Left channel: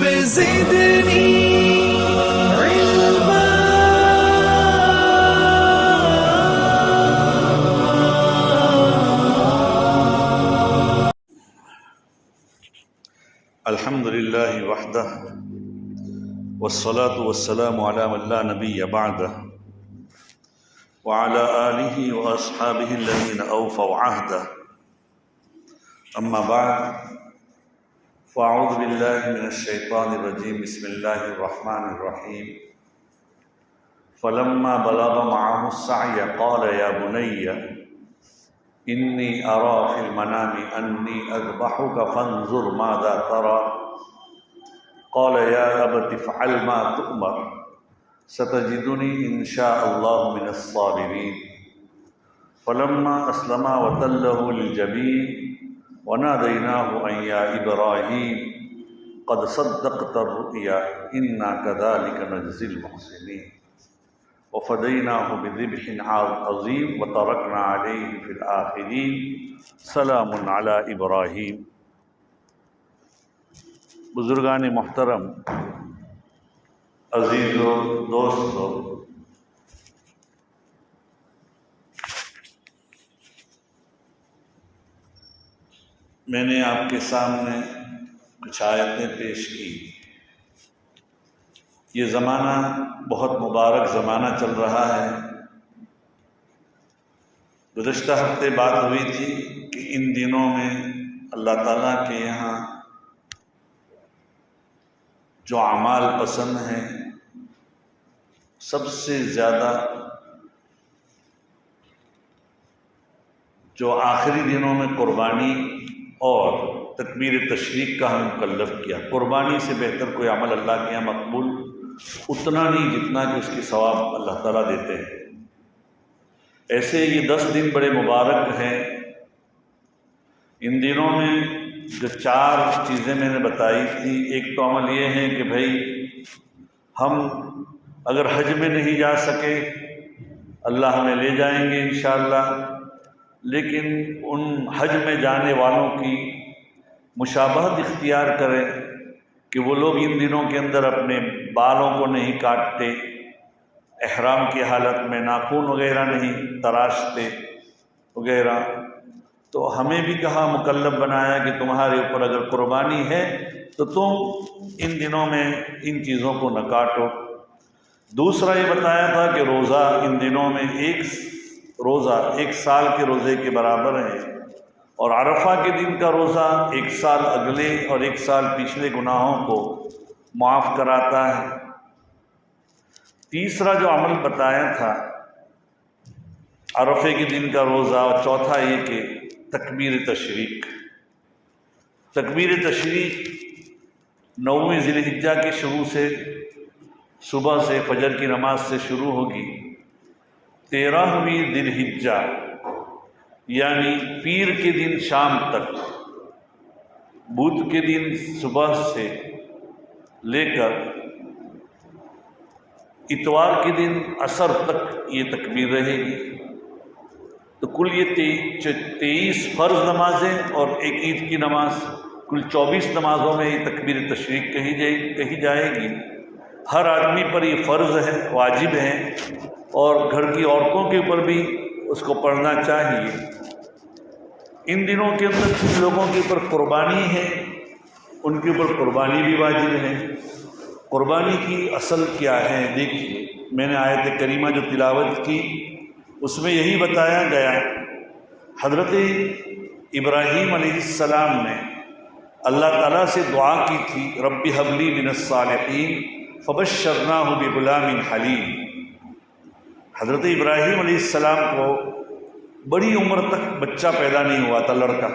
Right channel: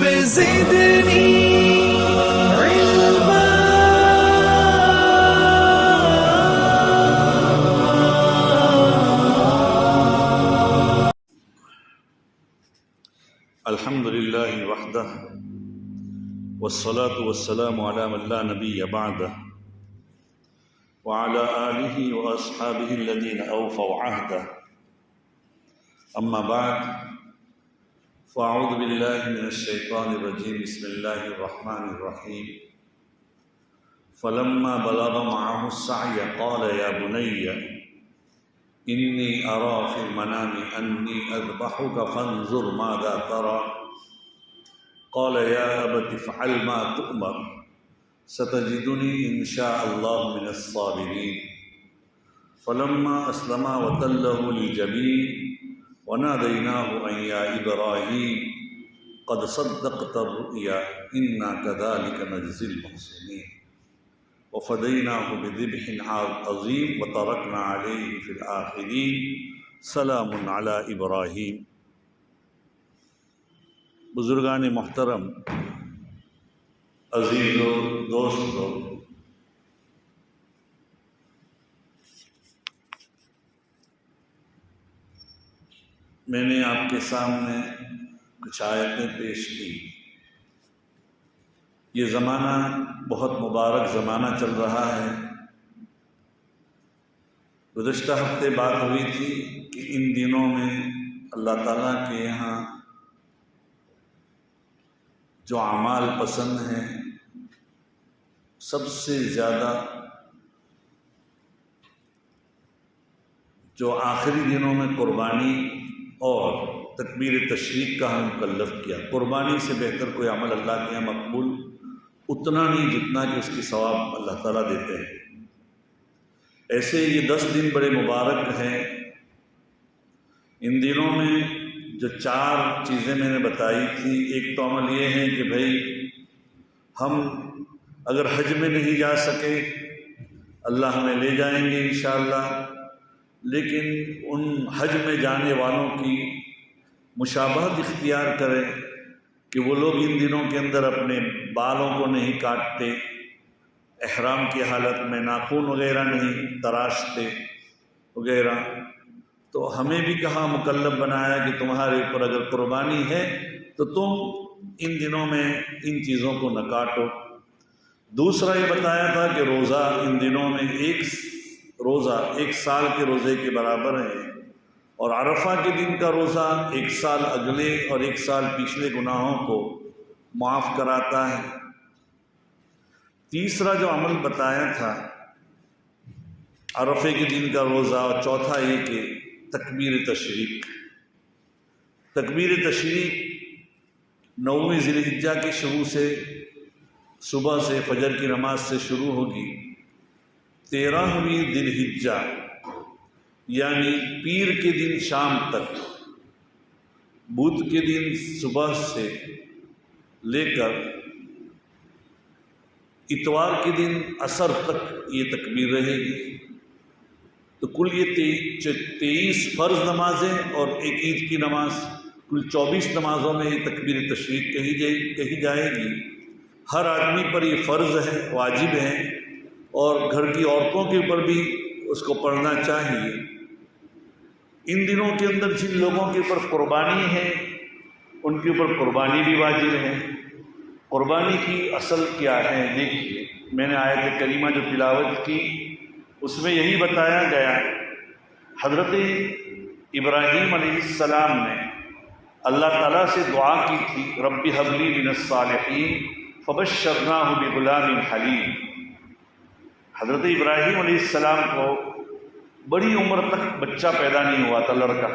رب زدني علما. الحمد لله وحده والصلاة والسلام على من لا نبي بعده وعلى آله وأصحابه الذين أوفوا عهده. أما بعد، فأعوذ بالله من الشيطان الرجيم. بسم الله الرحمن الرحيم. فلما بلغ معه السعي قال يا بني إني أرى في المنام أني أذبحك فانظر ماذا ترى. قال يا أبت افعل ما تؤمر ستجدني إن شاء الله من الصابرين. فلما أسلما وتله للجبين وناديناه أن يا إبراهيم قد صدقت الرؤيا إنا كذلك نجزي المحسنين. وفديناه بذبح عظيم وتركنا عليه في الآخرين سلام على إبراهيم. بزرگان محترم، عزیزو، دوستو، میں نے آپ کے سامنے کچھ آیتیں پیش کی. یہ زمانہ بہت مبارک زمانہ چل رہا ہے. گزشتہ ہفتے بات ہوئی تھی کہ ان دنوں میں اللہ تعالیٰ کے یہاں جو اعمال پسند ہیں، سب سے زیادہ جو آخری دنوں میں قربانی اور تکبیر تشریق کا ہم مکلف کیا. قربانی سے بہتر کوئی عمل اللہ کے یہاں مقبول اتنا نہیں جتنا کہ اس کی ثواب اللہ تعالیٰ دیتے ہیں. ایسے یہ 10 دن بڑے مبارک ہیں. ان دنوں میں جو 4 چیزیں میں نے بتائی تھی، ایک تو عمل یہ ہے کہ بھائی ہم اگر حج میں نہیں جا سکے اللہ ہمیں لے جائیں گے انشاءاللہ، لیکن ان حج میں جانے والوں کی مشابہت اختیار کریں کہ وہ لوگ ان دنوں کے اندر اپنے بالوں کو نہیں کاٹتے، احرام کی حالت میں ناخن وغیرہ نہیں تراشتے وغیرہ. تو ہمیں بھی کہا، مکلف بنایا کہ تمہارے اوپر اگر قربانی ہے تو تم ان دنوں میں ان چیزوں کو نہ کاٹو. دوسرا یہ بتایا تھا کہ روزہ ان دنوں میں ایک روزہ 1 سال کے روزے کے برابر ہے، اور عرفہ کے دن کا روزہ 1 سال اگلے اور 1 سال پچھلے گناہوں کو معاف کراتا ہے. تیسرا جو عمل بتایا تھا عرفے کے دن کا روزہ، اور چوتھا یہ کہ تکبیر تشریق. تکبیر تشریق 9ویں ذی الحجہ کے شروع سے، صبح سے فجر کی نماز سے شروع ہوگی. 13ویں ذی الحجہ یعنی پیر کے دن شام تک، بدھ کے دن صبح سے لے کر اتوار کے دن عصر تک یہ تکبیر رہے گی. تو کل یہ 23 فرض نمازیں اور ایک عید کی نماز، کل 24 نمازوں میں یہ تکبیر تشریق کہی جائے گی. ہر آدمی پر یہ فرض ہے، واجب ہے، اور گھر کی عورتوں کے اوپر بھی اس کو پڑھنا چاہیے. ان دنوں کے اندر جن لوگوں کے اوپر قربانی ہے ان کے اوپر قربانی بھی واجب ہے. قربانی کی اصل کیا ہے؟ دیکھیے، میں نے آیت کریمہ جو تلاوت کی اس میں یہی بتایا گیا. حضرت ابراہیم علیہ السلام نے اللہ تعالیٰ سے دعا کی تھی، رب هب لی من الصالحین فبشرناہ بغلام حلیم. حضرت ابراہیم علیہ السلام کو بڑی عمر تک بچہ پیدا نہیں ہوا تھا، لڑکا.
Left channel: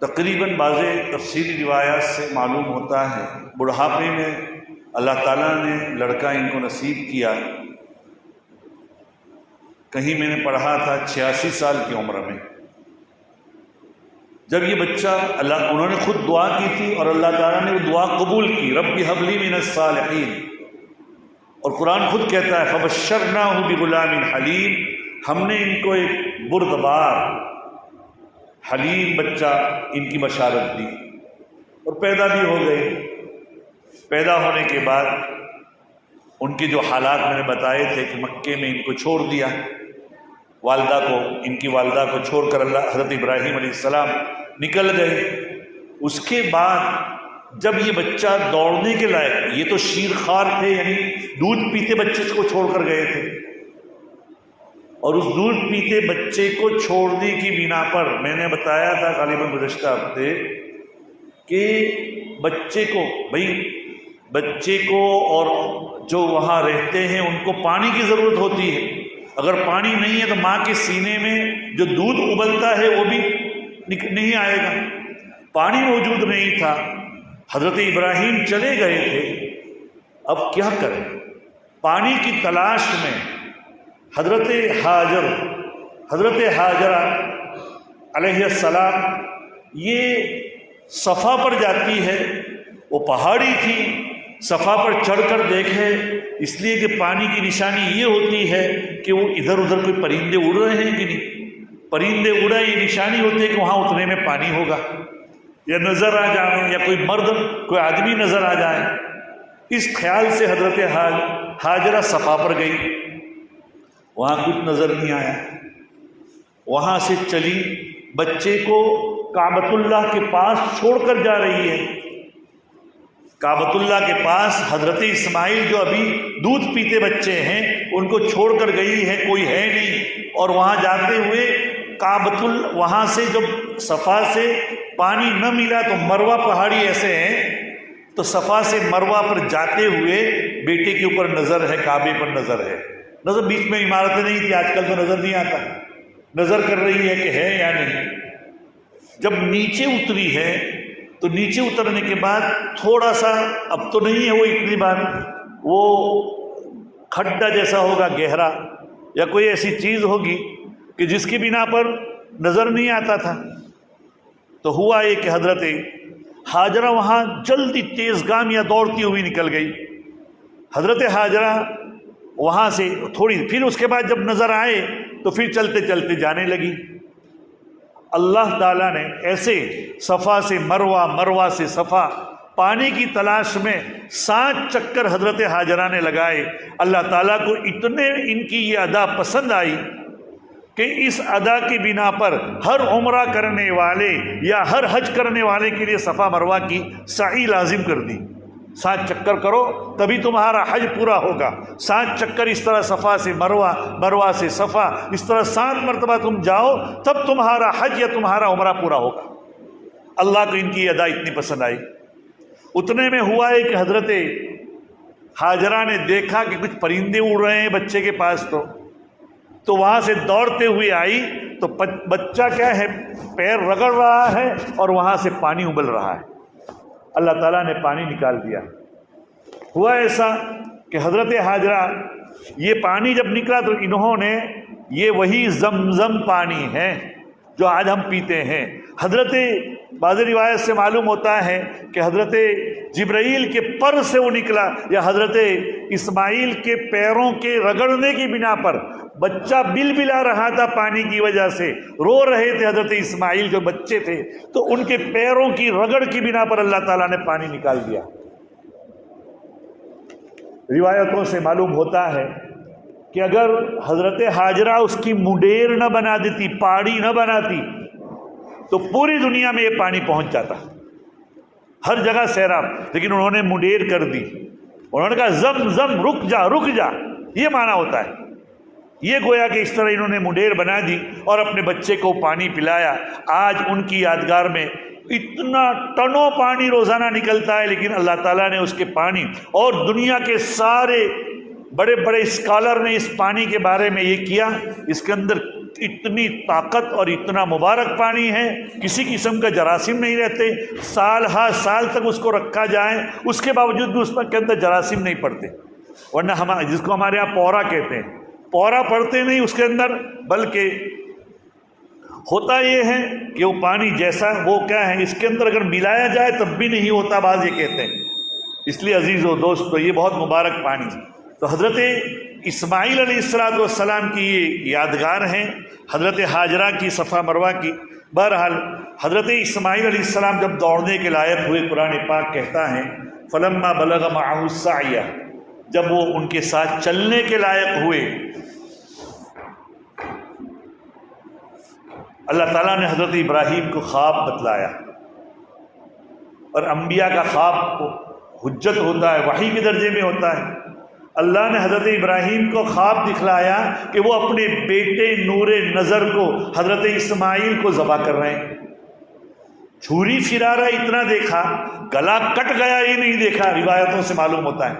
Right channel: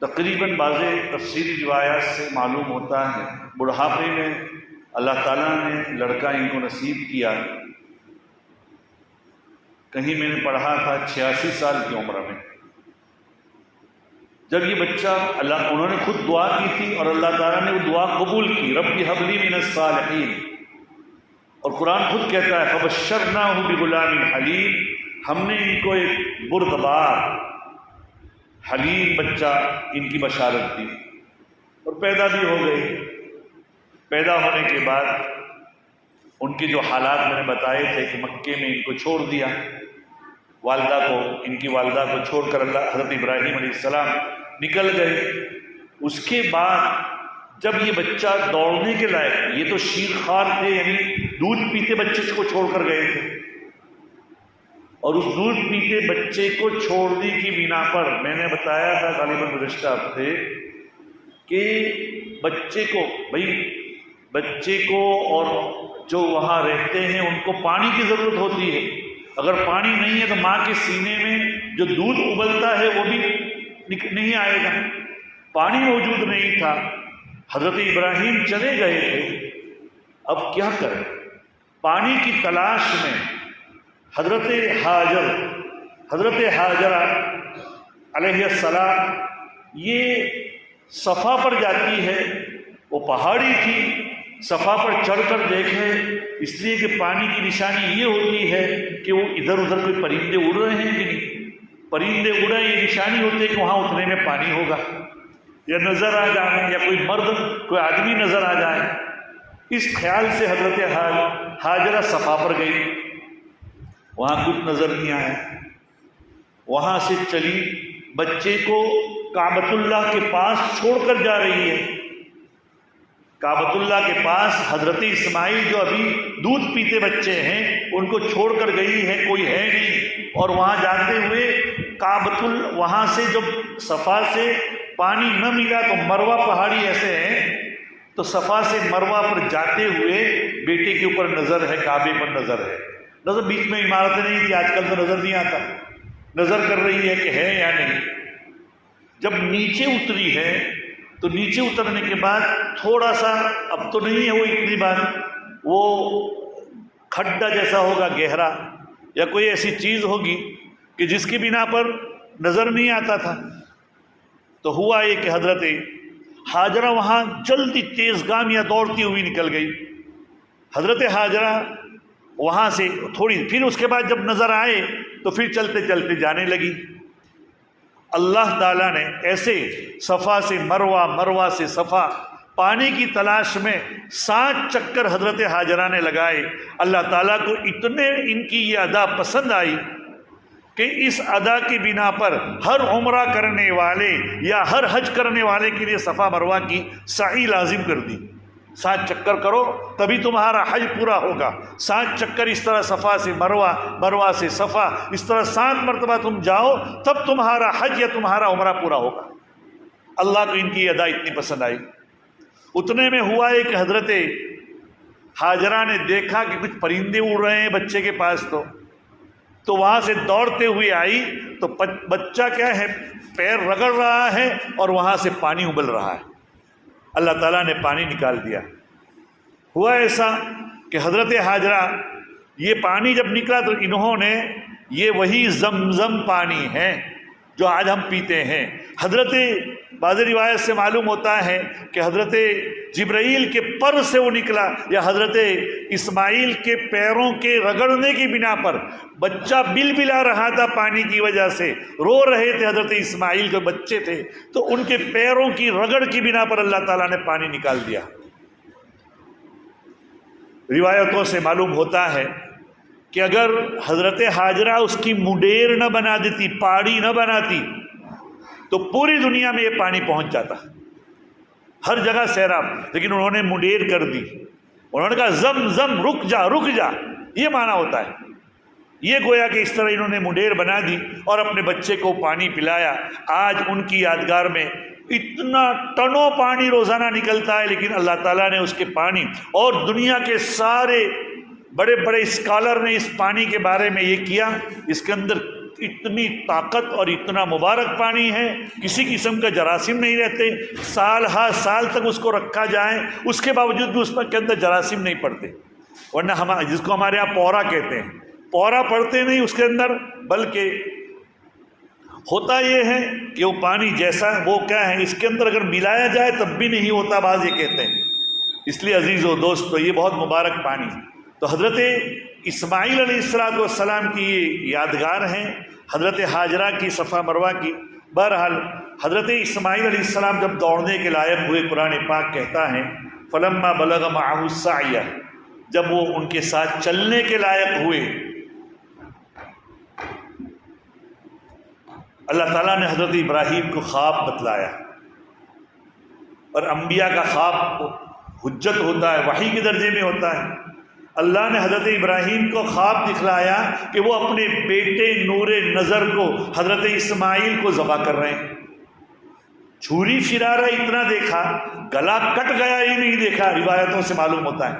تقریباً بعض تفصیلی روایات سے معلوم ہوتا ہے بڑھاپے میں اللہ تعالیٰ نے لڑکا ان کو نصیب کیا. کہیں میں نے پڑھا تھا 86 سال کی عمر میں جب یہ بچہ انہوں نے خود دعا کی تھی اور اللہ تعالیٰ نے وہ دعا قبول کی، رب هب لی من الصالحین. اور قرآن خود کہتا ہے فبشرناہ بغلام حلیم، ہم نے ان کو ایک بردبار حلیم بچہ ان کی بشارت دی. اور پیدا بھی ہو گئے۔ پیدا ہونے کے بعد ان کے جو حالات میں نے بتائے تھے کہ مکے میں ان کو چھوڑ دیا، والدہ کو، ان کی والدہ کو چھوڑ کر اللہ حضرت ابراہیم علیہ السلام نکل گئے۔ اس کے بعد جب یہ بچہ دوڑنے کے لائق، یہ تو شیر خوار تھے، یعنی دودھ پیتے بچے کو چھوڑ کر گئے تھے، اور اس دودھ پیتے بچے کو چھوڑنے کی بنا پر میں نے بتایا تھا غالباً گزشتہ ہفتے کہ بچے کو اور جو وہاں رہتے ہیں ان کو پانی کی ضرورت ہوتی ہے۔ اگر پانی نہیں ہے تو ماں کے سینے میں جو دودھ ابلتا ہے وہ بھی نہیں آئے گا۔ پانی موجود نہیں تھا، حضرت ابراہیم چلے گئے تھے، اب کیا کریں؟ پانی کی تلاش میں حضرت حاجرہ علیہ السلام یہ صفا پر جاتی ہے، وہ پہاڑی تھی، صفا پر چڑھ کر دیکھے، اس لیے کہ پانی کی نشانی یہ ہوتی ہے کہ وہ ادھر ادھر کوئی پرندے اڑ رہے ہیں کہ نہیں، پرندے اڑا یہ نشانی ہوتی ہے کہ وہاں اتنے میں پانی ہوگا، یا نظر آ جائے، یا کوئی مرد کوئی آدمی نظر آ جائے۔ اس خیال سے حضرت حاجرہ صفا پر گئی، وہاں کچھ نظر نہیں آیا، وہاں سے چلی، بچے کو کعبۃ اللہ کے پاس چھوڑ کر جا رہی ہے۔ کعبۃ اللہ کے پاس حضرت اسماعیل جو ابھی دودھ پیتے بچے ہیں ان کو چھوڑ کر گئی ہے، کوئی ہے نہیں، اور وہاں جاتے ہوئے وہاں سے جب صفا سے پانی نہ ملا تو مروہ پہاڑی ایسے ہیں، تو صفا سے مروہ پر جاتے ہوئے بیٹے کے اوپر نظر ہے، کعبے پر نظر ہے، نظر بیچ میں عمارتیں نہیں تھی، آج کل تو نظر نہیں آتا، نظر کر رہی ہے کہ ہے یا نہیں۔ جب نیچے اتری ہے تو نیچے اترنے کے بعد تھوڑا سا، اب تو نہیں ہے وہ اتنی بار، وہ کھڈا جیسا ہوگا گہرا، یا کوئی ایسی چیز ہوگی کہ جس کی بنا پر نظر نہیں آتا تھا۔ تو ہوا یہ کہ حضرت حاجرہ وہاں جلدی تیز گامیاں دوڑتی ہوئی نکل گئی۔ حضرت حاجرہ وہاں سے تھوڑی، پھر اس کے بعد جب نظر آئے تو پھر چلتے چلتے جانے لگی۔ اللہ تعالیٰ نے ایسے صفا سے مروہ، مروہ سے صفا، پانی کی تلاش میں 7 چکر حضرت حاجرہ نے لگائے۔ اللہ تعالیٰ کو اتنے ان کی یہ ادا پسند آئی کہ اس ادا کی بنا پر ہر عمرہ کرنے والے یا ہر حج کرنے والے کے لیے صفا مروہ کی سعی لازم کر دی۔ 7 چکر کرو تبھی تمہارا حج پورا ہوگا، 7 چکر اس طرح صفا سے مروہ، مروہ سے صفا، اس طرح 7 مرتبہ تم جاؤ تب تمہارا حج یا تمہارا عمرہ پورا ہوگا۔ اللہ کو ان کی ادا اتنی پسند آئی۔ اتنے میں ہوا ہے کہ حضرت حاجرہ نے دیکھا کہ کچھ پرندے اڑ رہے ہیں بچے کے پاس، تو وہاں سے دوڑتے ہوئے آئی تو بچہ کیا ہے، پیر رگڑ رہا ہے اور وہاں سے پانی ابل رہا ہے۔ اللہ تعالیٰ نے پانی نکال دیا۔ ہوا ایسا کہ حضرت حاجرہ یہ پانی جب نکلا تو انہوں نے، یہ وہی زمزم پانی ہے جو آج ہم پیتے ہیں۔ حضرت بعض روایت سے معلوم ہوتا ہے کہ حضرت جبرائیل کے پر سے وہ نکلا، یا حضرت اسماعیل کے پیروں کے رگڑنے کی بنا پر بچہ بل بلا رہا تھا پانی کی وجہ سے، رو رہے تھے حضرت اسماعیل جو بچے تھے، تو ان کے پیروں کی رگڑ کی بنا پر اللہ تعالیٰ نے پانی نکال دیا۔ روایتوں سے معلوم ہوتا ہے کہ اگر حضرت حاجرہ اس کی مڈیر نہ بنا دیتی، پہاڑی نہ بناتی، تو پوری دنیا میں یہ پانی پہنچ جاتا، ہر جگہ سیراب، لیکن انہوں نے مڈیر کر دی۔ انہوں نے کہا زم زم، رک جا رک جا، یہ معنی ہوتا ہے۔ یہ گویا کہ اس طرح انہوں نے مڈیر بنا دی اور اپنے بچے کو پانی پلایا۔ آج ان کی یادگار میں اتنا ٹنوں پانی روزانہ نکلتا ہے، لیکن اللہ تعالیٰ نے اس کے پانی، اور دنیا کے سارے بڑے بڑے اسکالر نے اس پانی کے بارے میں یہ کیا، اس کے اندر اتنی طاقت اور اتنا مبارک پانی ہے، کسی قسم کا جراثیم نہیں رہتے، سال ہا سال تک اس کو رکھا جائے اس کے باوجود بھی اس کے اندر جراثیم نہیں پڑتے، ورنہ ہم جس کو ہمارے یہاں پورا کہتے ہیں، پورا پڑتے نہیں اس کے اندر، بلکہ ہوتا یہ ہے کہ وہ پانی جیسا وہ کیا ہے، اس کے اندر اگر ملایا جائے تب بھی نہیں ہوتا، بعض یہ کہتے ہیں۔ اس لیے عزیز و دوستو یہ بہت مبارک پانی۔ تو حضرت اسماعیل علیہ السلام کی یہ یادگار ہیں، حضرت حاجرہ کی صفا مروہ کی۔ بہرحال حضرت اسماعیل علیہ السلام جب دوڑنے کے لائق ہوئے، قرآن پاک کہتا ہے فلما بلغ معه السعی، جب وہ ان کے ساتھ چلنے کے لائق ہوئے، اللہ تعالیٰ نے حضرت ابراہیم کو خواب بتلایا، اور انبیاء کا خواب حجت ہوتا ہے، وحی کے درجے میں ہوتا ہے۔ اللہ نے حضرت ابراہیم کو خواب دکھلایا کہ وہ اپنے بیٹے نور نظر کو، حضرت اسماعیل کو ذبح کر رہے ہیں۔ چھری پھرا رہا اتنا دیکھا، گلا کٹ گیا یہ نہیں دیکھا، روایتوں سے معلوم ہوتا ہے۔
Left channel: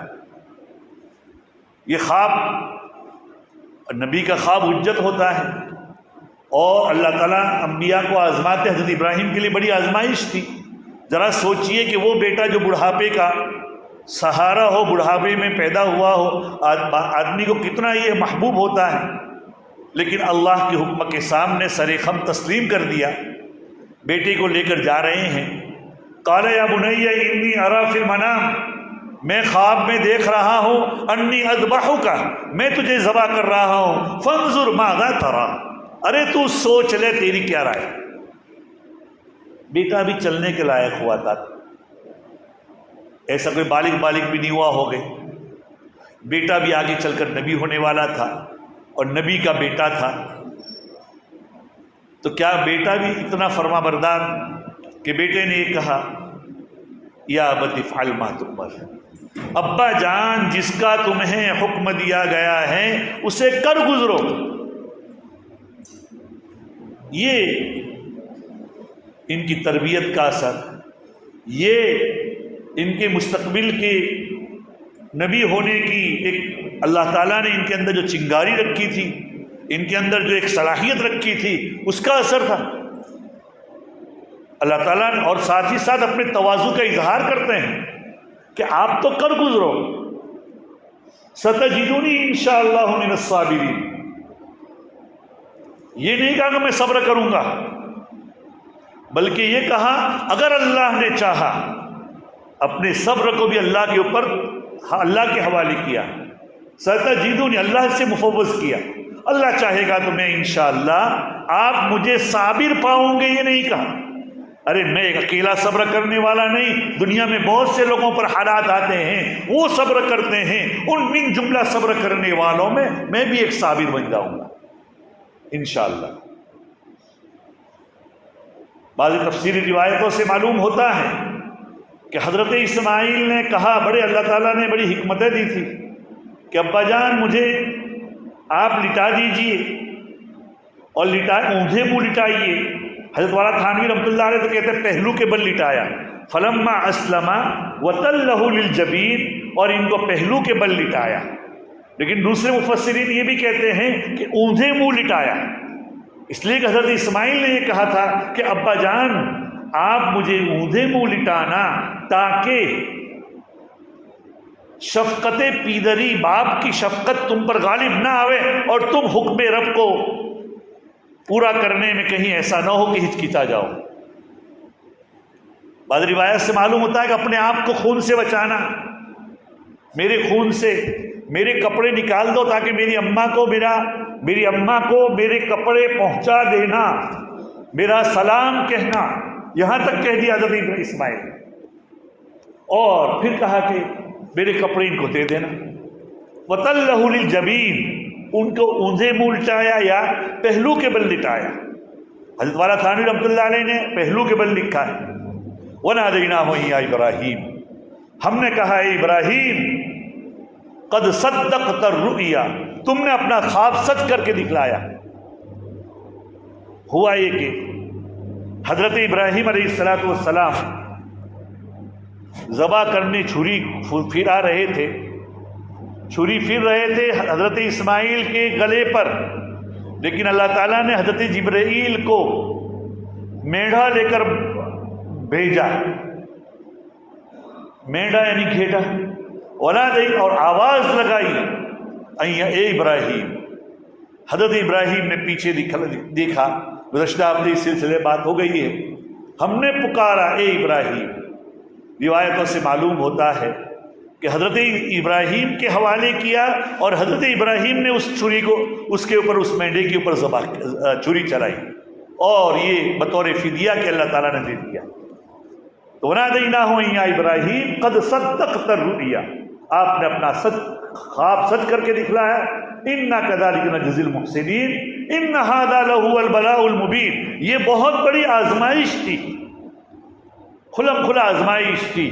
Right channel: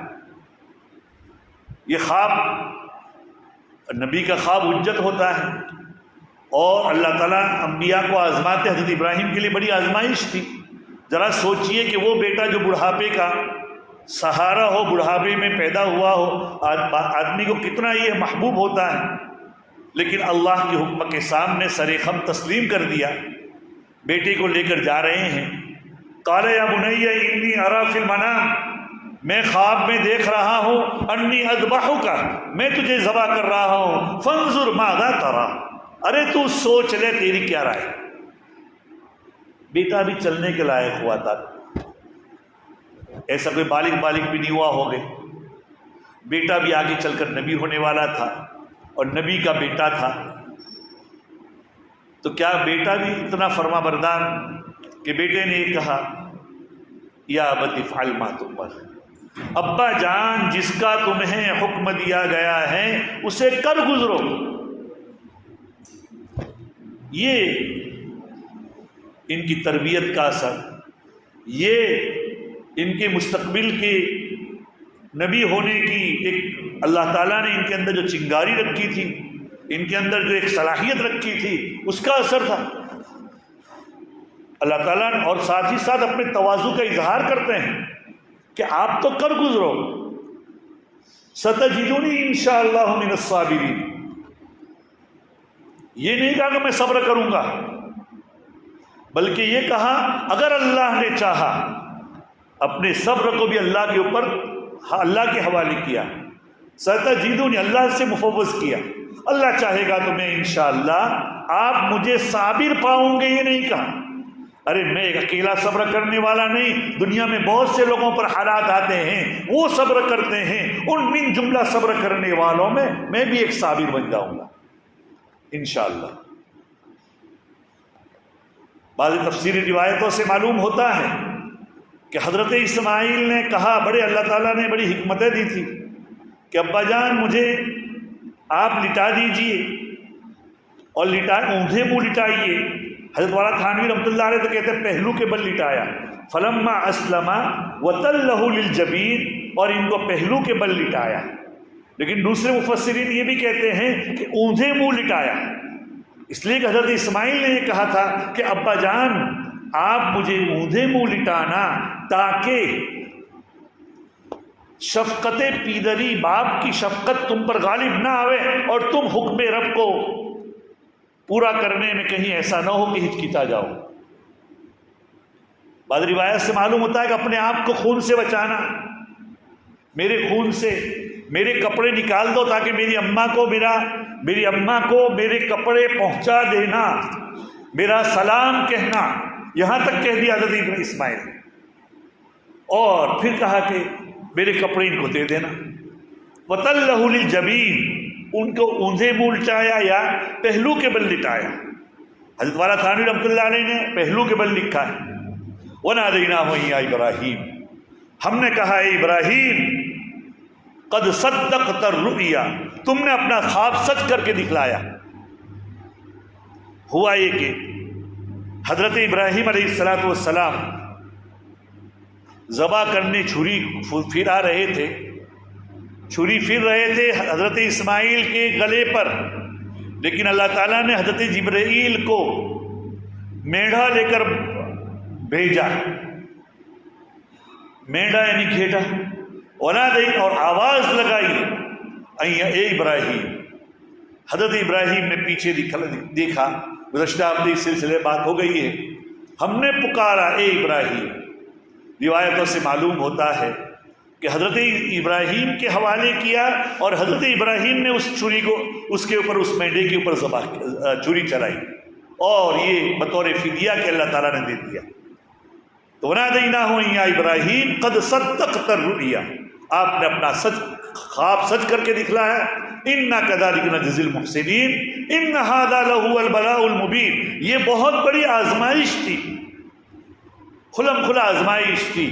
یہ خواب، نبی کا خواب حجت ہوتا ہے، اور اللہ تعالیٰ انبیاء کو آزماتے۔ حضرت ابراہیم کے لیے بڑی آزمائش تھی۔ ذرا سوچئے کہ وہ بیٹا جو بڑھاپے کا سہارا ہو، بڑھاپے میں پیدا ہوا ہو، آدمی کو کتنا یہ محبوب ہوتا ہے، لیکن اللہ کے حکم کے سامنے سر خم تسلیم کر دیا۔ بیٹے کو لے کر جا رہے ہیں، قال یا بنی انی اری فی المنام، میں خواب میں دیکھ رہا ہوں، انی اذبحک، میں تجھے ذبح کر رہا ہوں، فانظر ماذا تری، ارے تو سوچ لے تیری کیا رائے۔ بیٹا بھی چلنے کے لائق ہوا تھا، ایسا کوئی بالغ بھی نہیں ہوا ہو گئے، بیٹا بھی آگے چل کر نبی ہونے والا تھا، اور نبی کا بیٹا تھا، تو کیا بیٹا بھی اتنا فرما بردار کہ بیٹے نے یہ کہا یا ابت افعل ما تؤمر، ابا جان جس کا تمہیں حکم دیا گیا ہے اسے کر گزرو۔ یہ ان کی تربیت کا اثر، یہ ان کے مستقبل کے نبی ہونے کی ایک اللہ تعالیٰ نے ان کے اندر جو چنگاری رکھی تھی، ان کے اندر جو ایک صلاحیت رکھی تھی، اس کا اثر تھا۔ اللہ تعالیٰ نے اور ساتھ ہی ساتھ اپنے تواضع کا اظہار کرتے ہیں کہ آپ تو کر گزرو، ستجدونی انشاءاللہ من الصابرین۔ یہ نہیں کہا کہ میں صبر کروں گا، بلکہ یہ کہا اگر اللہ نے چاہا، اپنے صبر کو بھی اللہ کے اوپر، اللہ کے حوالے کیا، ستجدونی اللہ سے مفوض کیا، اللہ چاہے گا تو میں انشاءاللہ آپ مجھے صابر پاؤں گے۔ یہ نہیں کہا ارے میں ایک اکیلا صبر کرنے والا نہیں، دنیا میں بہت سے لوگوں پر حالات آتے ہیں، وہ صبر کرتے ہیں، ان من جملہ صبر کرنے والوں میں بھی ایک صابر بن جاؤں گا انشاءاللہ۔ بعض تفسیری روایتوں سے معلوم ہوتا ہے کہ حضرت اسماعیل نے کہا، بڑے اللہ تعالیٰ نے بڑی حکمتیں دی تھی کہ ابا جان مجھے آپ لٹا دیجئے، اور اونھے منہ لٹائیے۔ حضرت والا تھانوی رحمۃ اللہ علیہ تو کہتے ہیں پہلو کے بل لٹایا، فلما اسلم وتلہ للجبین، اور ان کو پہلو کے بل لٹایا۔ لیکن دوسرے مفسرین یہ بھی کہتے ہیں کہ اونھے منہ لٹایا، اس لیے کہ حضرت اسماعیل نے یہ کہا تھا کہ ابا جان آپ مجھے اونھے منہ لٹانا تاکہ شفقت پیدری، باپ کی شفقت تم پر غالب نہ آوے، اور تم حکم رب کو پورا کرنے میں کہیں ایسا نہ ہو کہ ہچکچا جاؤ۔ بعض روایت سے معلوم ہوتا ہے کہ اپنے آپ کو خون سے بچانا، میرے خون سے میرے کپڑے نکال دو تاکہ میری اماں کو میرے کپڑے پہنچا دینا، میرا سلام کہنا، یہاں تک کہہ دیا حضرت اسماعیل، اور پھر کہا کہ میرے کپڑے ان کو دے دینا۔ وَتَلَّهُ لِلْجَبِينِ، ان کو اونھے منہ لٹایا یا پہلو کے بل لٹایا۔ حضرت والا تھانوی رحمۃ اللہ علیہ نے پہلو کے بل لکھا ہے، وَنَادَيْنَاهُ يَا إِبْرَاهِيمُ، ہم نے کہا اے ابراہیم قد صدقت الرؤیا، تم نے اپنا خواب سچ کر کے دکھلایا۔ ہوا یہ کہ حضرت ابراہیم علیہ السلام ذبح کرنے چھری پھرا رہے تھے، حضرت اسماعیل کے گلے پر، لیکن اللہ تعالیٰ نے حضرت جبرائیل کو میڑھا لے کر بھیجا، میڑھا یعنی گھیٹا، اور آواز لگائی اے ابراہیم۔ حضرت ابراہیم نے پیچھے دیکھا، گزشتہ ہفتے اس سلسلے بات ہو گئی ہے، ہم نے پکارا اے ابراہیم۔ روایتوں سے معلوم ہوتا ہے کہ حضرت ابراہیم کے حوالے کیا، اور حضرت ابراہیم نے اس چھری کو اس کے اوپر، اس مینڈے کے اوپر چھری چلائی۔ اور یہ بطور فدیہ کہ اللہ تعالیٰ نے دے دیا. تو وَنَادَيْنَاهُ يَا إِبْرَاهِيمُ قَدْ صَدَّقْتَ الرُّؤْيَا، آپ نے اپنا خواب سچ کر کے دکھلایا. اِنَّا كَذَلِكَ نَجْزِي الْمُحْسِنِينَ إِنَّ هَذَا لَهُوَ الْبَلَاءُ الْمُبِينُ. یہ بہت بڑی آزمائش تھی، کھلم کھلا آزمائش تھی.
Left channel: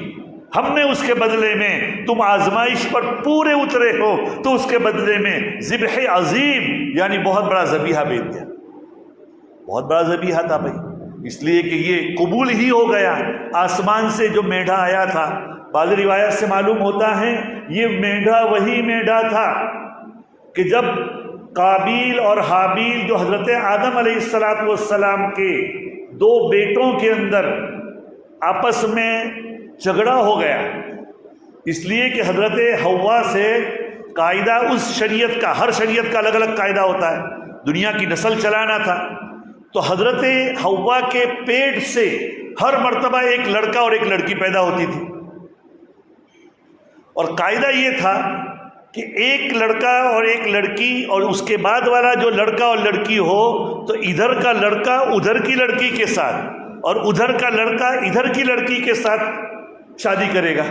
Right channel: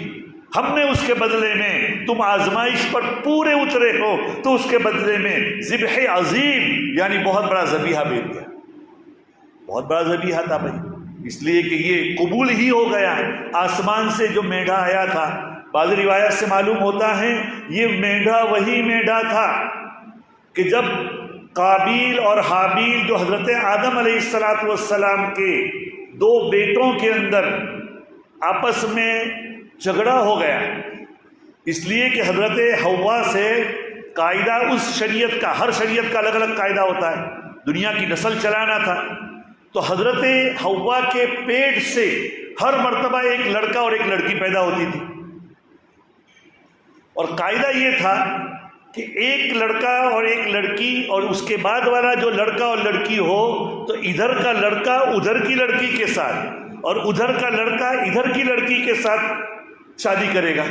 ہم نے اس کے بدلے میں، تم آزمائش پر پورے اترے ہو تو اس کے بدلے میں ذبح عظیم یعنی بہت بڑا ذبیحہ بھیج دیا. بہت بڑا ذبیحہ تھا بھائی، اس لیے کہ یہ قبول ہی ہو گیا. آسمان سے جو میڈھا آیا تھا، بعض روایت سے معلوم ہوتا ہے یہ میڈھا وہی میڈھا تھا کہ جب قابیل اور حابیل جو حضرت آدم علیہ السلام کے دو بیٹوں کے اندر آپس میں جھگڑا ہو گیا، اس لیے کہ حضرت حوا سے قاعدہ اس شریعت کا، ہر شریعت کا الگ الگ قاعدہ ہوتا ہے، دنیا کی نسل چلانا تھا. تو حضرت حوا کے پیٹ سے ہر مرتبہ ایک لڑکا اور ایک لڑکی پیدا ہوتی تھی، اور قاعدہ یہ تھا کہ ایک لڑکا اور ایک لڑکی، اور اس کے بعد والا جو لڑکا اور لڑکی ہو تو ادھر کا لڑکا ادھر کی لڑکی کے ساتھ اور ادھر کا لڑکا ادھر کی لڑکی کے ساتھ شادی کرے گا.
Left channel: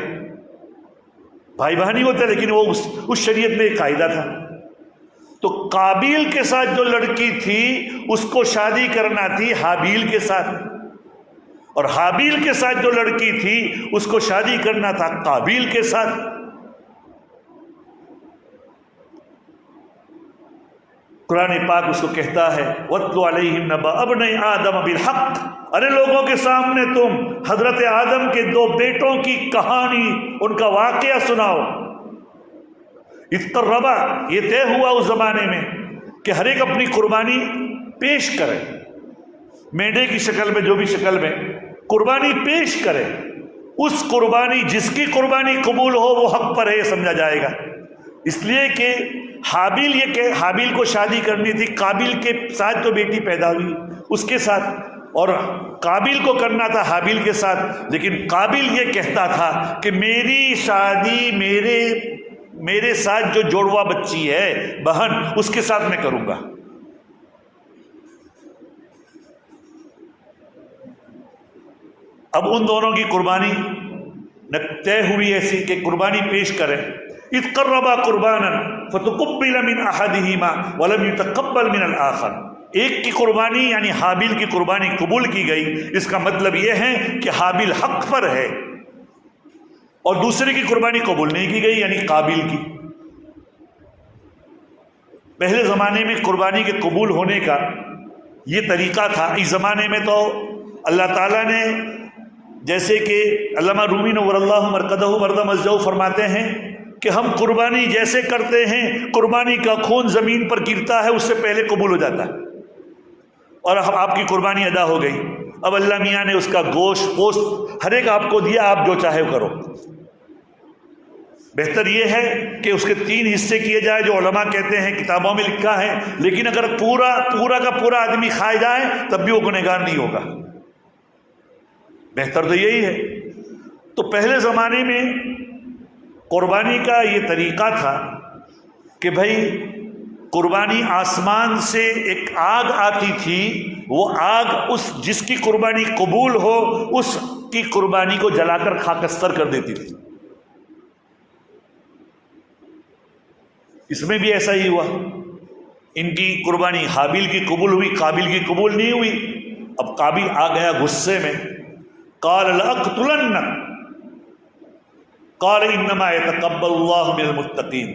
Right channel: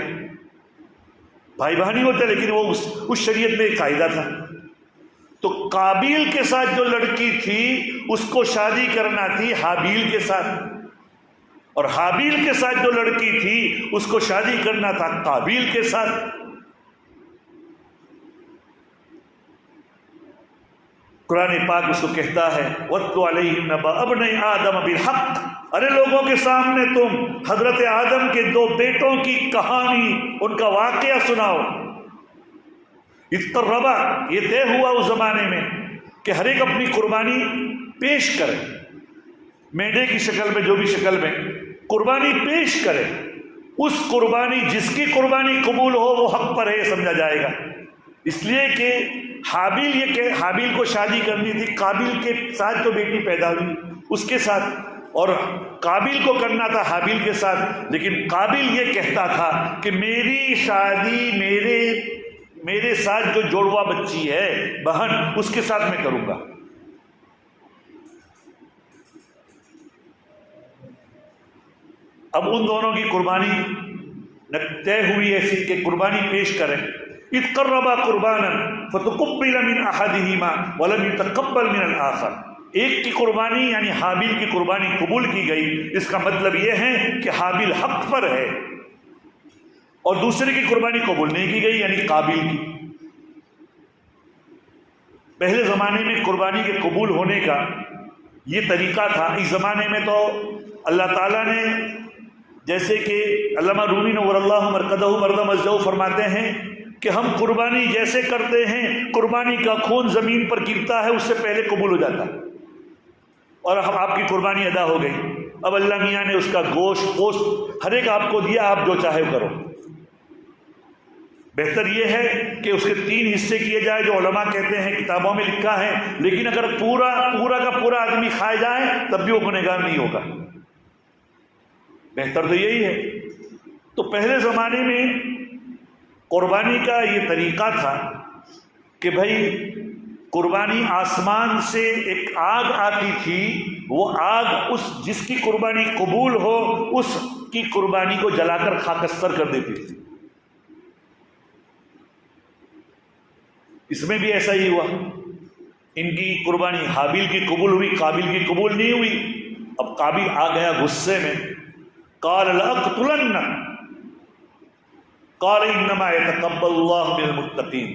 بھائی بہنی ہوتے، لیکن وہ اس شریعت میں ایک قاعدہ تھا. تو قابیل کے ساتھ جو لڑکی تھی اس کو شادی کرنا تھی حابیل کے ساتھ، اور حابیل کے ساتھ جو لڑکی تھی اس کو شادی کرنا تھا قابیل کے ساتھ. قرآن پاک اس کو کہتا ہے وَاتْلُ عَلَيْهِمْ نَبَأَ ابْنَيْ آدَمَ بِالْحَقِّ. ارے لوگوں کے سامنے تم حضرت آدم کے دو بیٹوں کی کہانی، ان کا واقعہ سناؤ. اِذْ قَرَّبَا، یہ طے ہوا اس زمانے میں کہ ہر ایک اپنی قربانی پیش کرے، میڈے کی شکل میں، جو بھی شکل میں قربانی پیش کرے. اس قربانی، جس کی قربانی قبول ہو وہ حق پر ہے، یہ سمجھا جائے گا. اس لیے کہ حابیل، یہ کہ حابیل کو شادی کرنی تھی قابیل کے ساتھ جو بیٹی پیدا ہوئی اس کے ساتھ، اور قابیل کو کرنا تھا حابیل کے ساتھ. لیکن قابیل یہ کہتا تھا کہ میری شادی میرے ساتھ جو جوڑوا بچی ہے، بہن، اس کے ساتھ میں کروں گا. اب ان دونوں کی قربانی طے ہوئی ایسی کہ قربانی پیش کریں. اذ قربا قربانا فتقبل من احدهما ولم يتقبل من الاخر. ایک کی قربانی یعنی حابیل کی قربانی قبول کی گئی، اس کا مطلب یہ ہے کہ حابیل حق پر ہے، اور دوسرے کی قربانی قبول نہیں کی گئی یعنی قابیل کی. پہلے زمانے میں قربانی کے قبول ہونے کا یہ طریقہ تھا. اس زمانے میں تو اللہ تعالیٰ نے، جیسے کہ علامہ رومی نور اللہ مرقدہ ورد مزدہ فرماتے ہیں کہ ہم قربانی جیسے کرتے ہیں، قربانی کا خون زمین پر گرتا ہے اس سے پہلے قبول ہو جاتا ہے، اور اب آپ کی قربانی ادا ہو گئی. اب اللہ میاں نے اس کا گوشت ہر ایک آپ کو دیا، آپ جو چاہے کرو. بہتر یہ ہے کہ اس کے 3 حصے کیے جائے جو علماء کہتے ہیں، کتابوں میں لکھا ہے. لیکن اگر پورا کا پورا آدمی کھائے جائے تب بھی وہ گنہگار نہیں ہوگا. بہتر تو یہی ہے. تو پہلے زمانے میں قربانی کا یہ طریقہ تھا کہ بھائی قربانی آسمان سے ایک آگ آتی تھی، وہ آگ جس کی قربانی قبول ہو اس کی قربانی کو جلا کر خاکستر کر دیتی تھی. اس میں بھی ایسا ہی ہوا. ان کی قربانی حابیل کی قبول ہوئی، قابیل کی قبول نہیں ہوئی. اب قابیل آ گیا غصے میں، قال لأقتلن قال انما يتقبل الله من المتقين.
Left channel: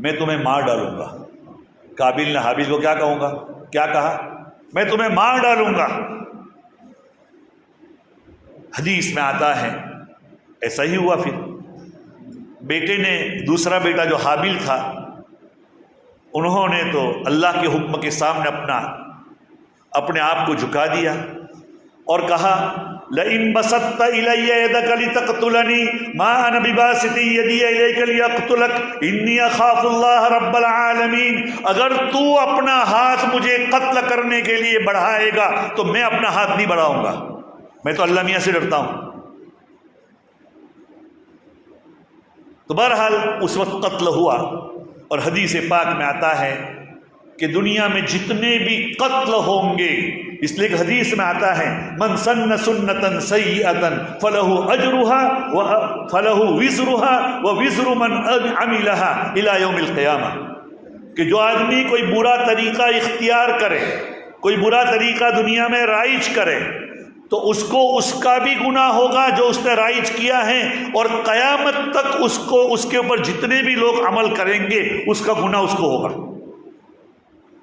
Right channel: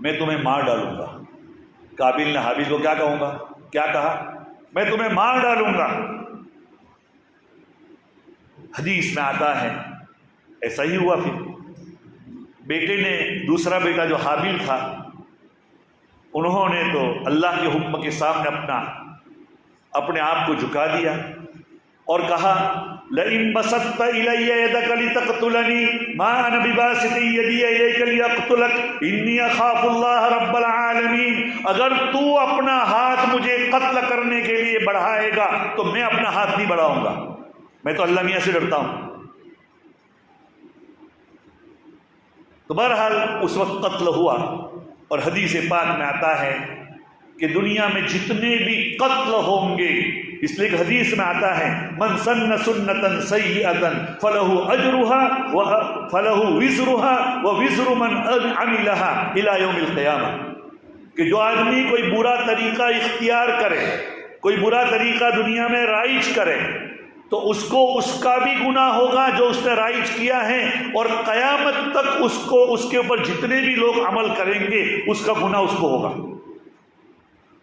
میں تمہیں مار ڈالوں گا. قابیل نے حابیل کو کیا کہا؟ میں تمہیں مار ڈالوں گا. حدیث میں آتا ہے ایسا ہی ہوا. پھر بیٹے نے، دوسرا بیٹا جو حابیل تھا، انہوں نے تو اللہ کے حکم کے سامنے اپنے آپ کو جھکا دیا اور کہا لئن بسطت الی یدک لتقتلنی ما انا بباسط یدی الیک لیقتلک انی اخاف اللہ رب العالمین. اگر تو اپنا ہاتھ مجھے قتل کرنے کے لیے بڑھائے گا تو میں اپنا ہاتھ نہیں بڑھاؤں گا، میں تو اللہ میاں سے ڈرتا ہوں. تو بہرحال اس وقت قتل ہوا. اور حدیث پاک میں آتا ہے کہ دنیا میں جتنے بھی قتل ہوں گے، اس لیے ایک حدیث میں آتا ہے من سن سنتا سیئتا فلہ اجرها فلہ وزرها ووزر من عملها الى یوم القیامہ، کہ جو آدمی کوئی برا طریقہ اختیار کرے، کوئی برا طریقہ دنیا میں رائج کرے، تو اس کو اس کا بھی گناہ ہوگا جو اس نے رائج کیا ہے، اور قیامت تک اس کے اوپر جتنے بھی لوگ عمل کریں گے اس کا گناہ اس کو ہوگا۔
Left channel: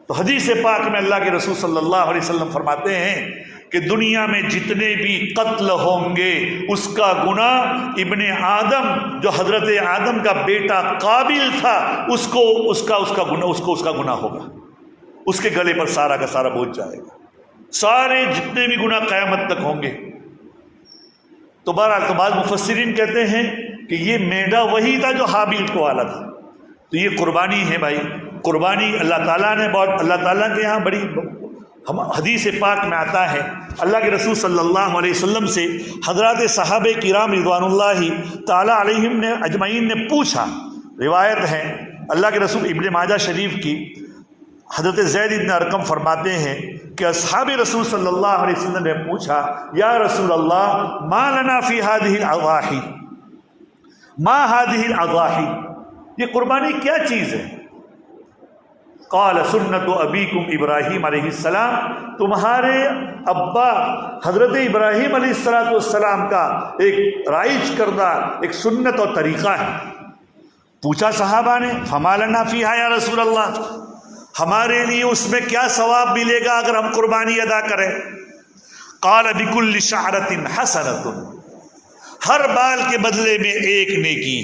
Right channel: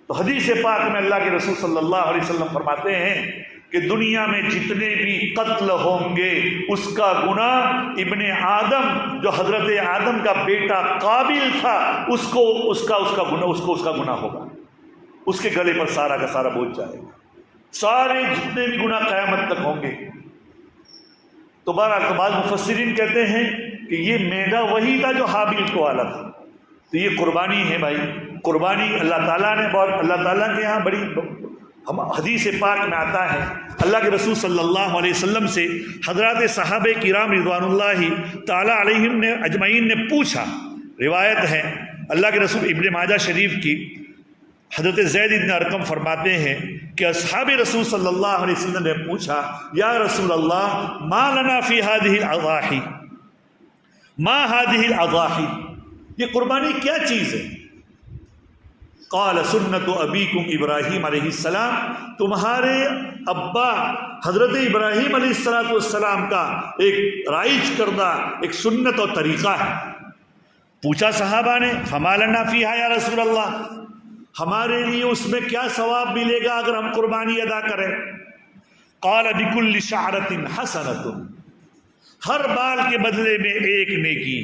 تو حدیث پاک میں اللہ کے رسول صلی اللہ علیہ وسلم فرماتے ہیں کہ دنیا میں جتنے بھی قتل ہوں گے اس کا گناہ ابن آدم، جو حضرت آدم کا بیٹا قابل تھا، اس کا گناہ ہوگا، اس کے گلے پر سارا کا سارا بوجھ جائے گا، سارے جتنے بھی گناہ قیامت تک ہوں گے۔ تو بہرحال بعض مفسرین کہتے ہیں کہ یہ میڈا وہی تھا جو حابیل کو والا تھا، تو یہ قربانی ہے بھائی، قربانی اللہ تعالیٰ نے اللہ تعالیٰ کے یہاں بڑی، حدیث پاک میں آتا ہے اللہ کے رسول صلی اللہ علیہ وسلم سے حضرات صحابہ کرام رضوان اللہ تعالیٰ علیہم نے اجمعین نے پوچھا، روایت ہے اللہ کے رسول ابن ماجہ شریف کی، حضرت زید بن ارقم فرماتے ہیں کہ اصحاب رسول صلی اللہ علیہ وسلم نے پوچھا یا رسول اللہ ما لنا فی هذه الاضاحی، ما هذه الاضاحی، یہ قربانی کیا چیز ہے؟ قال سنت ابیکم ابراہیم علیہ السلام، تمہارے ابا حضرت ابراہیم علیہ السلام کا ایک رائج کردہ ایک سنت اور طریقہ ہے۔ پوچھا صحابہ نے فما لنا فیہا یا رسول اللہ، ہمارے لیے اس میں کیا ثواب ملے گا اگر ہم قربانی ادا کریں؟ قال بکل شعرۃ حسنۃ، ہر بال کے بدلے میں ایک نیکی۔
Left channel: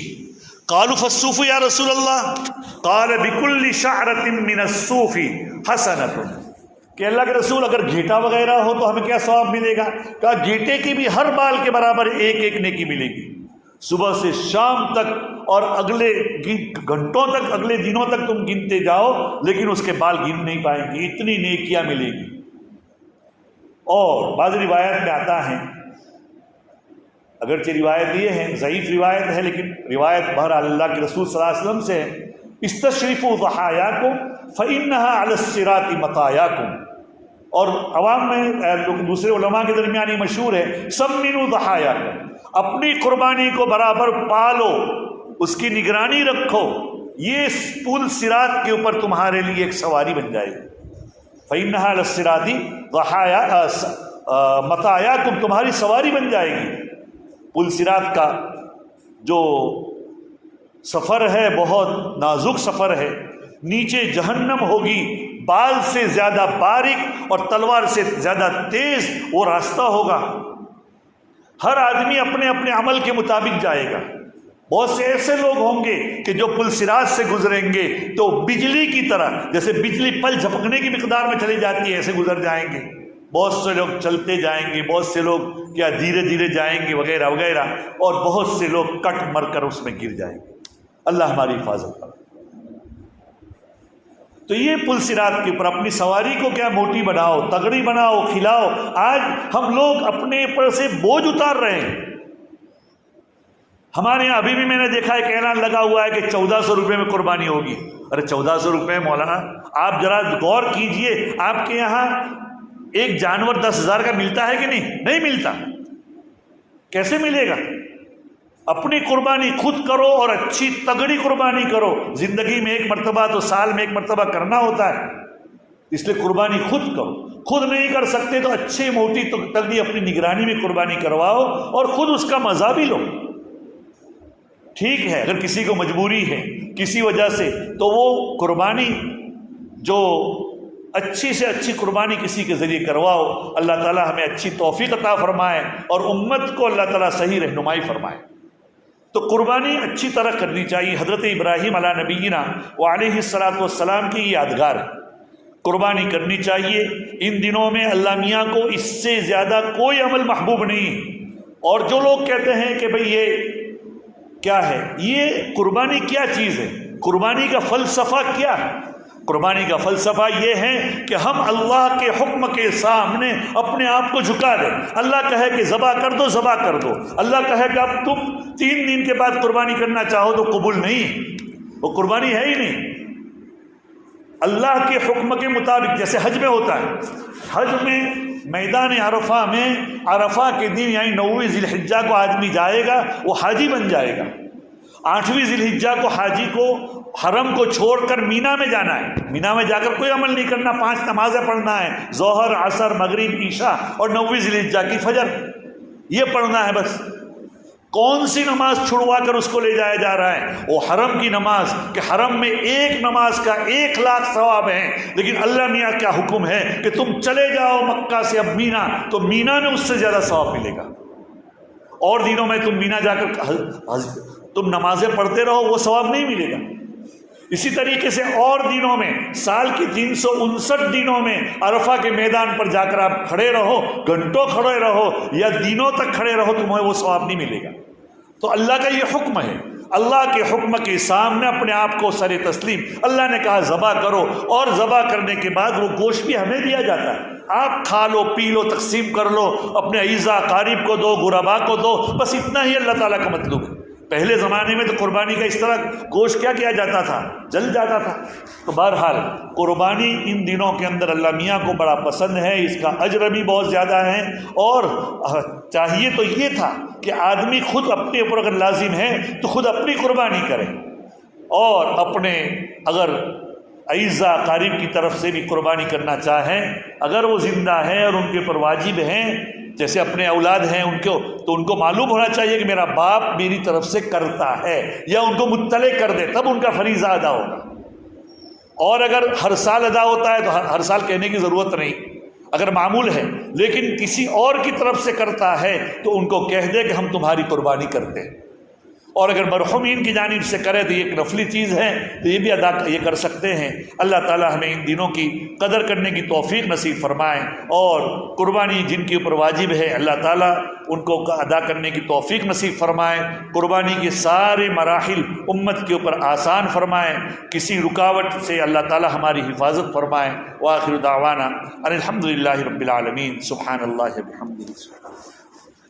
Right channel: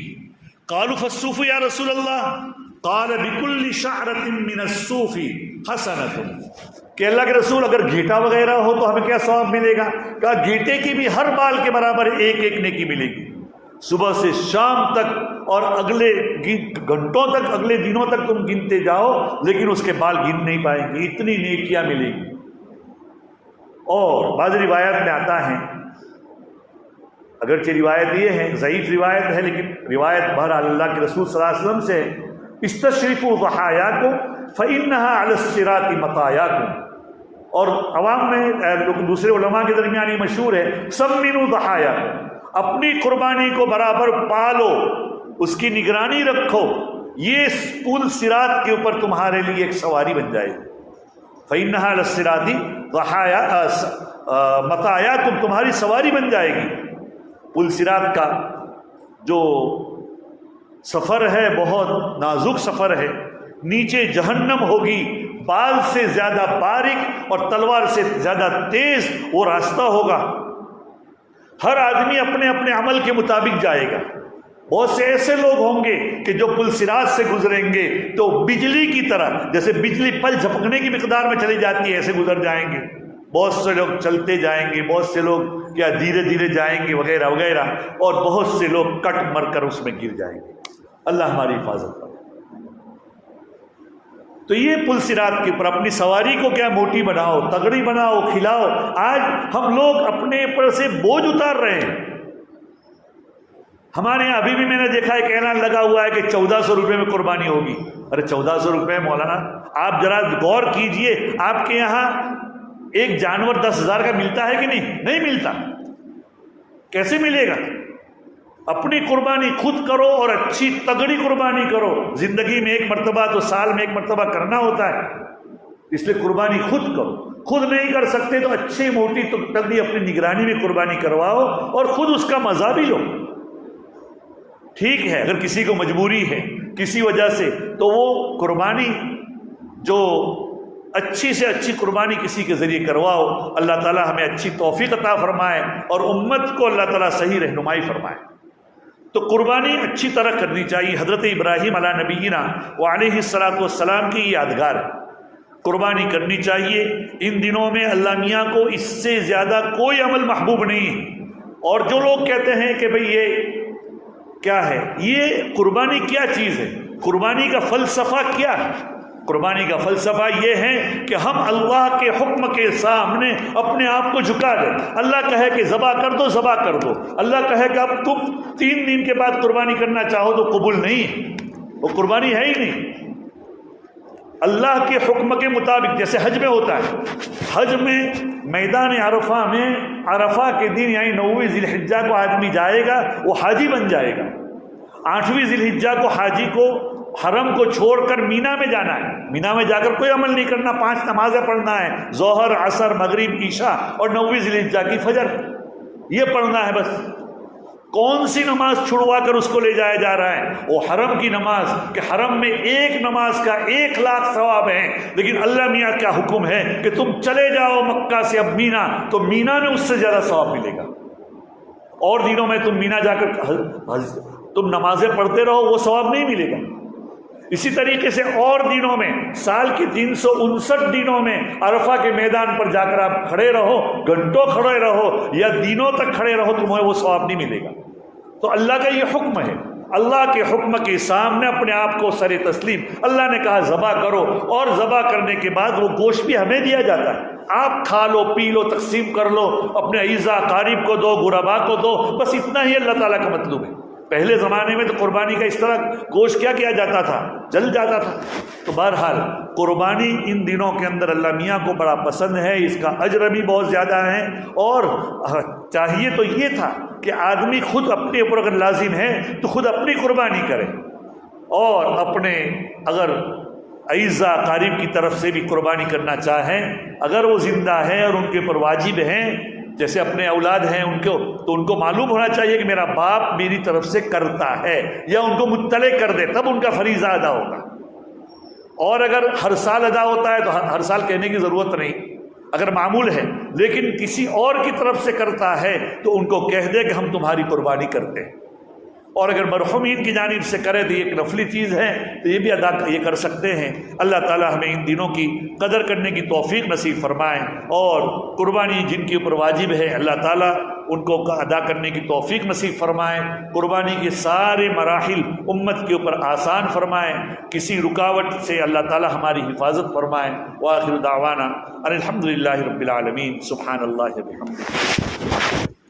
قالوا فالصوف یا رسول اللہ، قال بکل شعرۃ من الصوف حسنۃ، کہ اللہ کے رسول اگر گھیٹا وغیرہ ہو تو ہمیں کیا ثواب ملے گا؟ کہا گھیٹے کی بھی ہر بال کے برابر ایک ایک نیکی ملے گی، صبح سے شام تک اور اگلے گھنٹوں تک، اگلے دنوں تک تم گنتے جاؤ لیکن اس کے بال گن نہیں پائیں گے، اتنی نیکیاں ملے گی۔ اور بعض روایت میں آتا ہے، اگرچہ روایت یہ ہے ضعیف روایت ہے لیکن روایت بہرحال اللہ کے رسول صلی اللہ علیہ وسلم سے ہے، استشرفوا ضحایاکم فإنها علی الصراط مطایاکم، اور عوام میں دوسرے علماء کے درمیان یہ مشہور ہے سمنوا ضحایاکم، اپنی قربانی کو برابر پالو، اس کی نگرانی رکھو، یہ پل صراط کے اوپر تمہارے لیے ایک سواری بن جائے گی۔ فإنها علی الصراط مطایاکم، تمہاری سواری بن جائے گی۔ پل صراط کا جو سفر ہے بہت نازک سفر ہے، نیچے جہنم ہوگی، بال سے زیادہ باریک اور تلوار سے زیادہ تیز وہ راستہ ہوگا، ہر آدمی اپنے اپنے عمل کے مطابق جائے گا۔ بہت سے ایسے لوگ ہوں گے کہ جو پل صراط سے گزریں گے تو بجلی کی طرح، جیسے بجلی پل جھپکنے کی مقدار میں چلی جاتی ہے، ایسے گزر جائیں گے۔ بہت سے لوگ چلتے جائیں گے، بہت سے لوگ کیا دھیرے دھیرے جائیں گے وغیرہ وغیرہ، اور بہت سے لوگ کٹ مر کر اس میں گر جائیں گے۔ اللہ ہماری حفاظت کرے۔ تو یہ پل صراط کے اوپر اپنی سواری کو کیا موٹی بناؤ، تگڑی بناؤ، کھلاؤ۔ آج ہم لوگ اپنے اوپر سے بوجھ اتار رہے ہیں۔ ہمارے یہاں ابھی بھی میں نے دیکھا ہے کہ اعلان لگا ہوا ہے کہ 1400 روپے میں قربانی ہوگی۔ ارے 1400 روپے مولانا، آپ ذرا غور کیجئے، آپ کے یہاں ایک جانور 10,000 کا ملتا ہے کہ نہیں ملتا؟ کیسے ملے گا؟ اپنی قربانی خود کرو اور اچھی تگڑی قربانی کرو۔ زندگی میں ایک مرتبہ تو سال میں ایک مرتبہ کرنا ہوتا ہے، اس لیے قربانی خود کرو۔ خود نہیں کر سکتے تو اچھی موٹی تگڑی اپنی نگرانی میں قربانی کرواؤ اور خود اس کا مزہ بھی لو۔ ٹھیک ہے، اگر کسی کو مجبوری ہے کسی وجہ سے تو وہ قربانی جو اچھی سے اچھی قربانی کسی کے ذریعے کرواؤ۔ اللہ تعالیٰ ہمیں اچھی توفیق عطا فرمائے اور امت کو اللہ تعالیٰ صحیح رہنمائی فرمائے۔ تو قربانی اچھی طرح کرنی چاہیے۔ حضرت ابراہیم علیہ نبینا وعلیہ السلام کی یادگار ہے، قربانی کرنی چاہیے۔ ان دنوں میں اللہ میاں کو اس سے زیادہ کوئی عمل محبوب نہیں ہے۔ اور جو لوگ کہتے ہیں کہ بھئی یہ کیا ہے، یہ قربانی کیا چیز ہے، قربانی کا فلسفہ کیا ہے؟ قربانی کا فلسفہ یہ ہے کہ ہم اللہ کے حکم کے سامنے اپنے آپ کو جھکا دیں۔ اللہ کہے کہ ذبح کر دو، ذبح کر دو۔ اللہ کہے کہ اب تم 3 دن کے بعد قربانی کرنا چاہو تو قبول نہیں، وہ قربانی ہے ہی نہیں۔ اللہ کے حکم کے مطابق، جیسے حج میں ہوتا ہے، حج میں میدان عرفہ میں عرفہ کے دن یعنی 9ویں ذی الحجہ کو آدمی جائے گا، وہ حاجی بن جائے گا۔ 8ویں ذی الحجہ کو حاجی کو حرم کو چھوڑ کر مینا میں جانا ہے، مینا میں جا کر کوئی عمل نہیں کرنا، 5 نمازیں پڑھنا ہے، ظہر، عصر، مغرب، عشاء اور 9ویں ذی الحجہ کی فجر، یہ پڑھنا ہے بس۔ کون سی نماز چھڑوا کر اس کو لے جایا جا رہا ہے؟ وہ حرم کی نماز، کہ حرم میں ایک نماز کا 1,00,000 ثواب ہے، لیکن اللہ میاں کا حکم ہے کہ تم چلے جاؤ مکہ سے اب مینا، تو مینا میں اس سے زیادہ ثواب ملے گا۔ اور دنوں میں تم مینا جا کر تم نمازیں پڑھتے رہو، وہ ثواب نہیں ملے گا۔ اسی طریقے سے اور دنوں میں، سال کی 359 دنوں میں عرفہ کے میدان پر جا کر آپ کھڑے رہو، گھنٹوں کھڑے رہو یا دنوں تک کھڑے رہو، تمہیں وہ ثواب نہیں ملے گا۔ تو اللہ کا یہ حکم ہے، اللہ کے حکم کے سامنے اپنے آپ کو سر تسلیم، اللہ نے کہا ذبح کرو، اور ذبح کرنے کے بعد وہ گوشت بھی ہمیں دیا جاتا ہے، آپ کھا لو، پی لو، تقسیم کر لو، اپنے عیزہ قاریب کو دو، غربا کو دو، بس اتنا ہی اللہ تعالیٰ کا مطلوب ہے۔ پہلے زمانے میں تو قربانی کا اس طرح گوشت کیا جاتا تھا، جل جاتا تھا۔ تو بہرحال قربانی ان دنوں کے اندر اللہ میاں کو بڑا پسند ہے، اس کا اجر بھی بہت زیادہ ہے، اور چاہیے تو یہ تھا کہ آدمی خود اپنے اوپر اگر لازم ہے تو خود اپنی قربانی کرے، اور اپنے اگر عیزہ قاریب کی طرف سے بھی قربانی کرنا چاہیں، اگر وہ زندہ ہیں اور ان کے اوپر واجب ہیں، جیسے اپنے اولاد ہیں ان کو، تو ان کو معلوم ہونا چاہیے کہ میرا باپ میری طرف سے کرتا ہے، یا ان کو مطلع کر دے، تب ان کا فریضہ ادا ہوگا۔ اور اگر ہر سال ادا ہوتا ہے تو ہر سال کہنے کی ضرورت نہیں، اگر معمول ہے، لیکن کسی اور کی طرف سے کرتا ہے تو ان کو کہہ دے کہ ہم تمہاری قربانی کرتے ہیں۔ اور اگر مرحومین کی جانب سے کرے تو یہ ایک نفلی چیز ہے، تو یہ بھی یہ کر سکتے ہیں۔ اللہ تعالی ہمیں ان دنوں کی قدر کرنے کی توفیق نصیب فرمائیں، اور قربانی جن کے اوپر واجب ہے اللہ تعالی ان کو ادا کرنے کی توفیق نصیب فرمائیں، قربانی کے سارے مراحل امت کے اوپر آسان فرمائیں، کسی رکاوٹ سے اللہ تعالی ہماری حفاظت فرمائیں۔ وآخر دعوانا ان الحمد للہ رب العالمین، سبحان اللہ وبحمدہ۔